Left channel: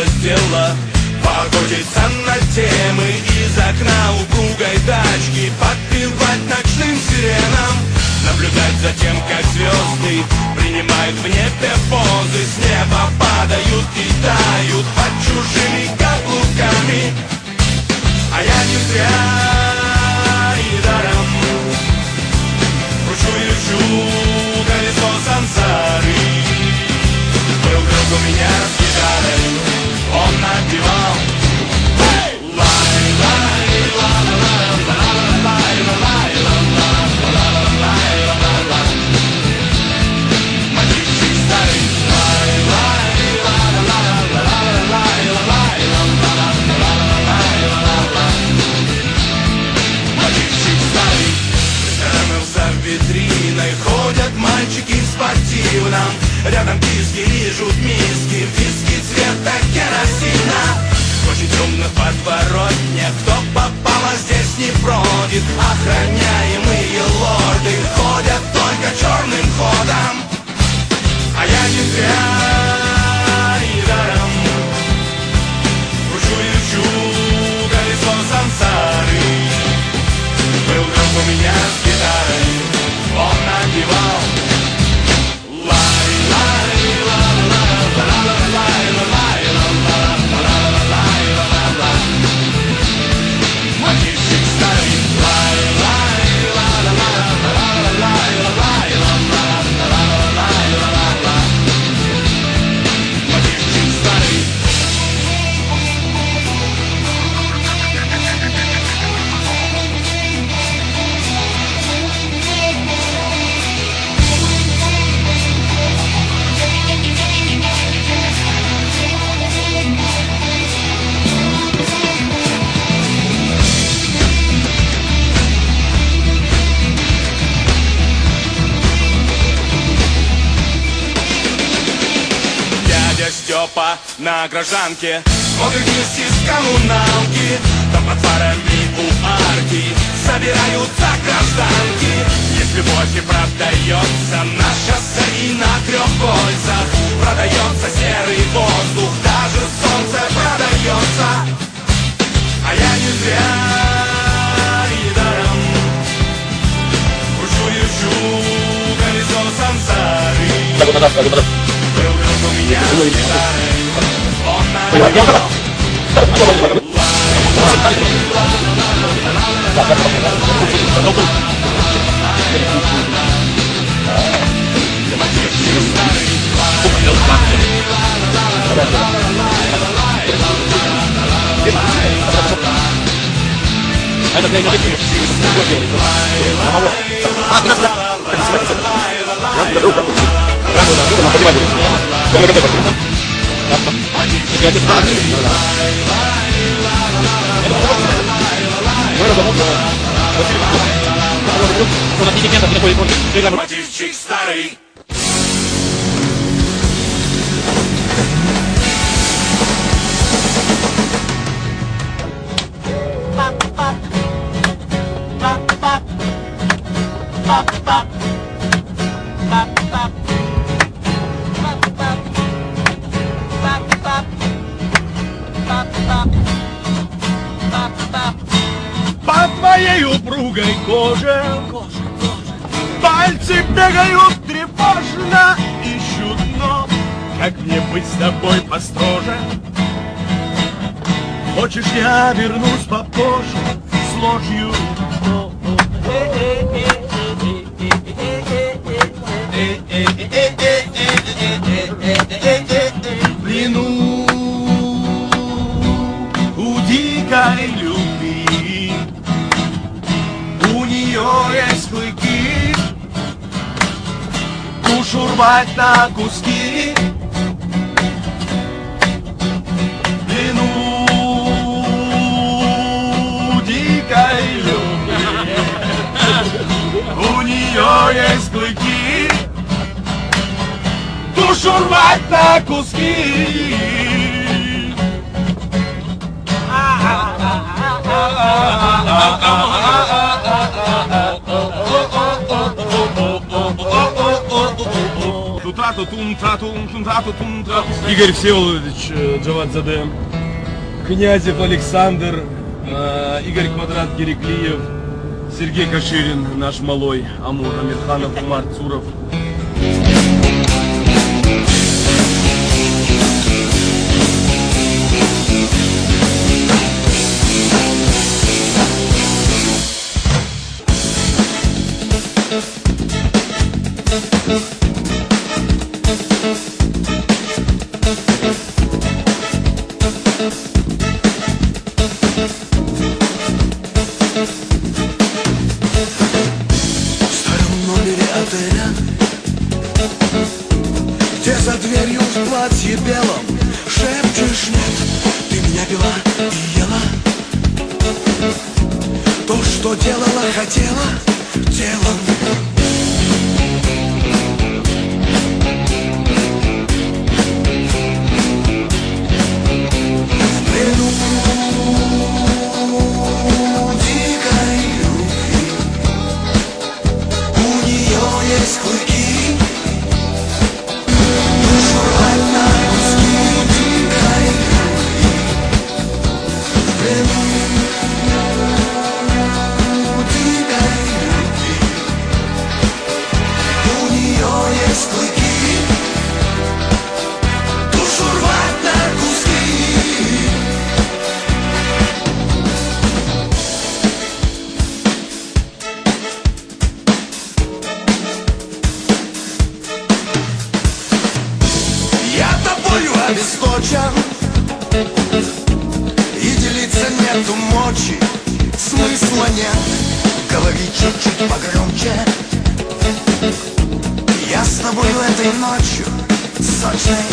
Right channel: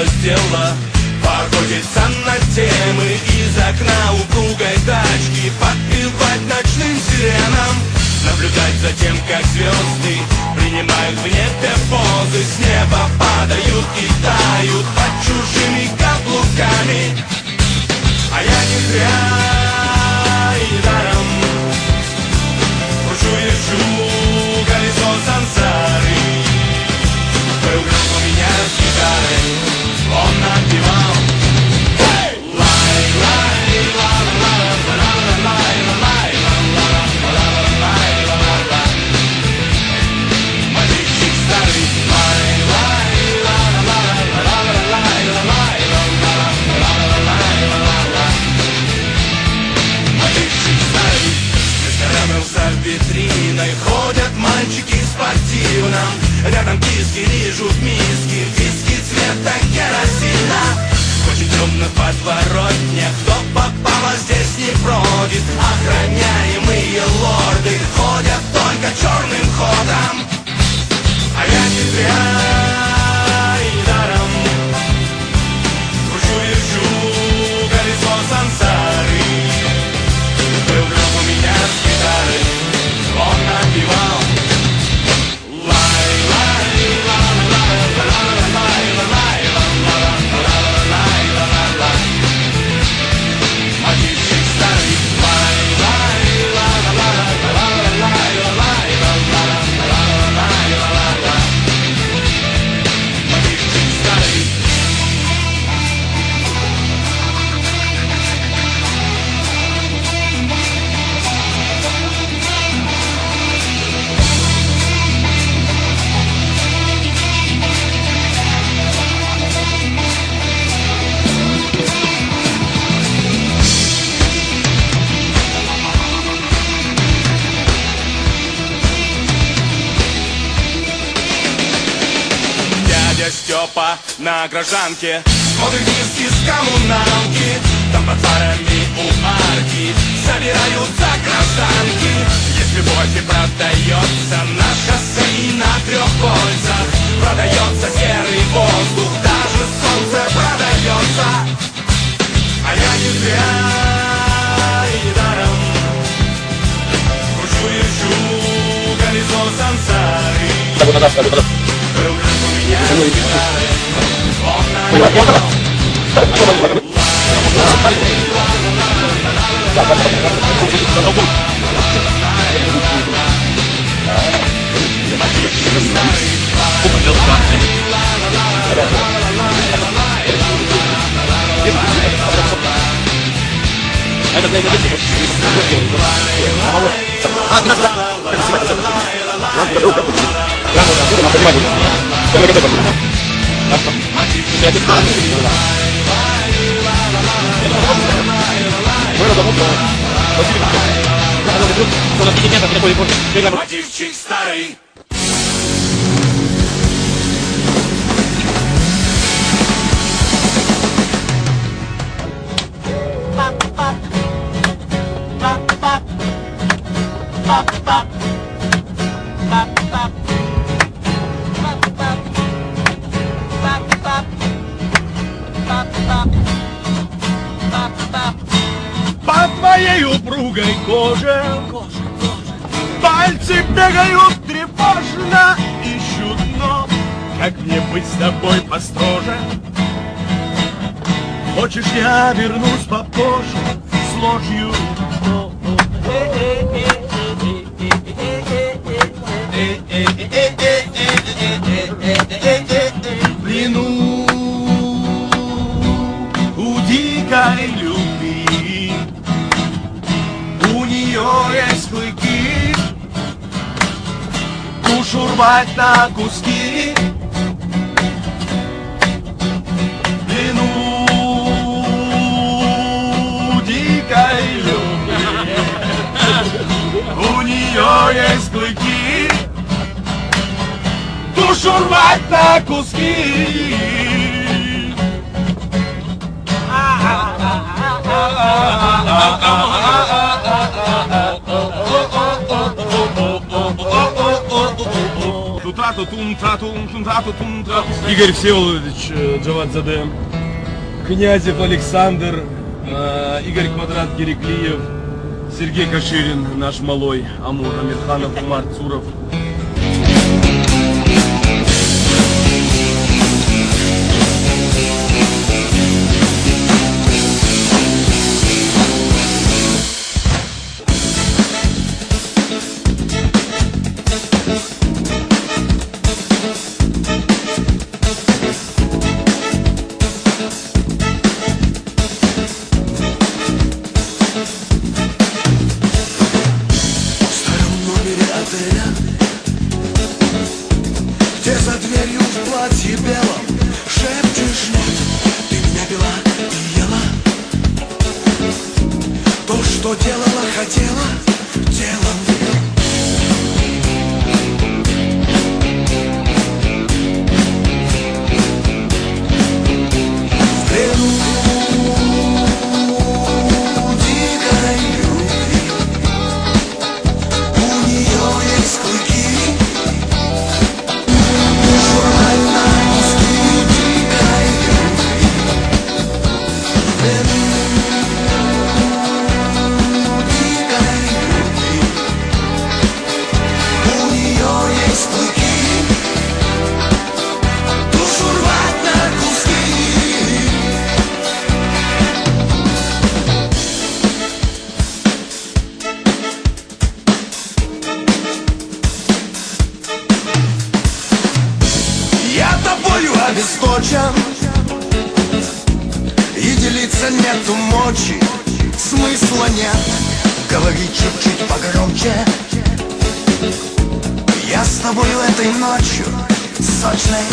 случилось дело. Поохотиться на темы из окна упругой тачки, подпевать ночным сиренам, наблюдать за тем, как звезды принимают в небе позы, с неба падают и тают под чужими каблуками. А я не зря и даром кручу и лечу колесо сансары. Был друг у меня с гитарой, он напевал мотивчик старый. Мотивчик старый. Скормился витриной, ходят мальчики в спортивном, рядом диски лижут миски, виски цвета керосина. Очень темных подворотнях, кто попало здесь не бродит. Охраняемые лорды ходят только черным ходом. А я не зря и даром кручу и лечу колесо сансары. Был друг у меня с гитарой, он напевал мотивчик старый. Мотивчик старый. Степа на гражданке смотрит вниз из коммуналки. Там под фарами у арки собираются гражданки. Есть любовь и продается на шоссе и на трех кольцах. Продается серый воздух, даже солнце продается. А я не зря и даром кручу и лечу колесо сансары. Был друг у меня с гитарой, он напевал мотивчик старый. Мотивчик старый. По твоей упругой коже пальцы бегают тревожно, ищут дно. Как мне быть с тобой построже? Хочешь, я вернусь попозже с ложью? В плену у дикой любви, у нее есть клыки, душу рвать на куски. В плену дикой любви, у нее есть клыки, душу рвать на куски. Игорь Всеволодович Джавадзаде, Князев Александр, Игорь Квадрат Гереклиев, Сергей Каширин, наш малой, Амур Амирханов, Умар Цуров. Где за дверью в платье белом шепчешь нет, ты меня пила и ела. То, что делала, хотела телом. В плену дикой любви у нее есть клыки. Обесточен, и делиться нету мочи, смысла нет, говори чуть-чуть погромче. Я с тобой этой ночью сочной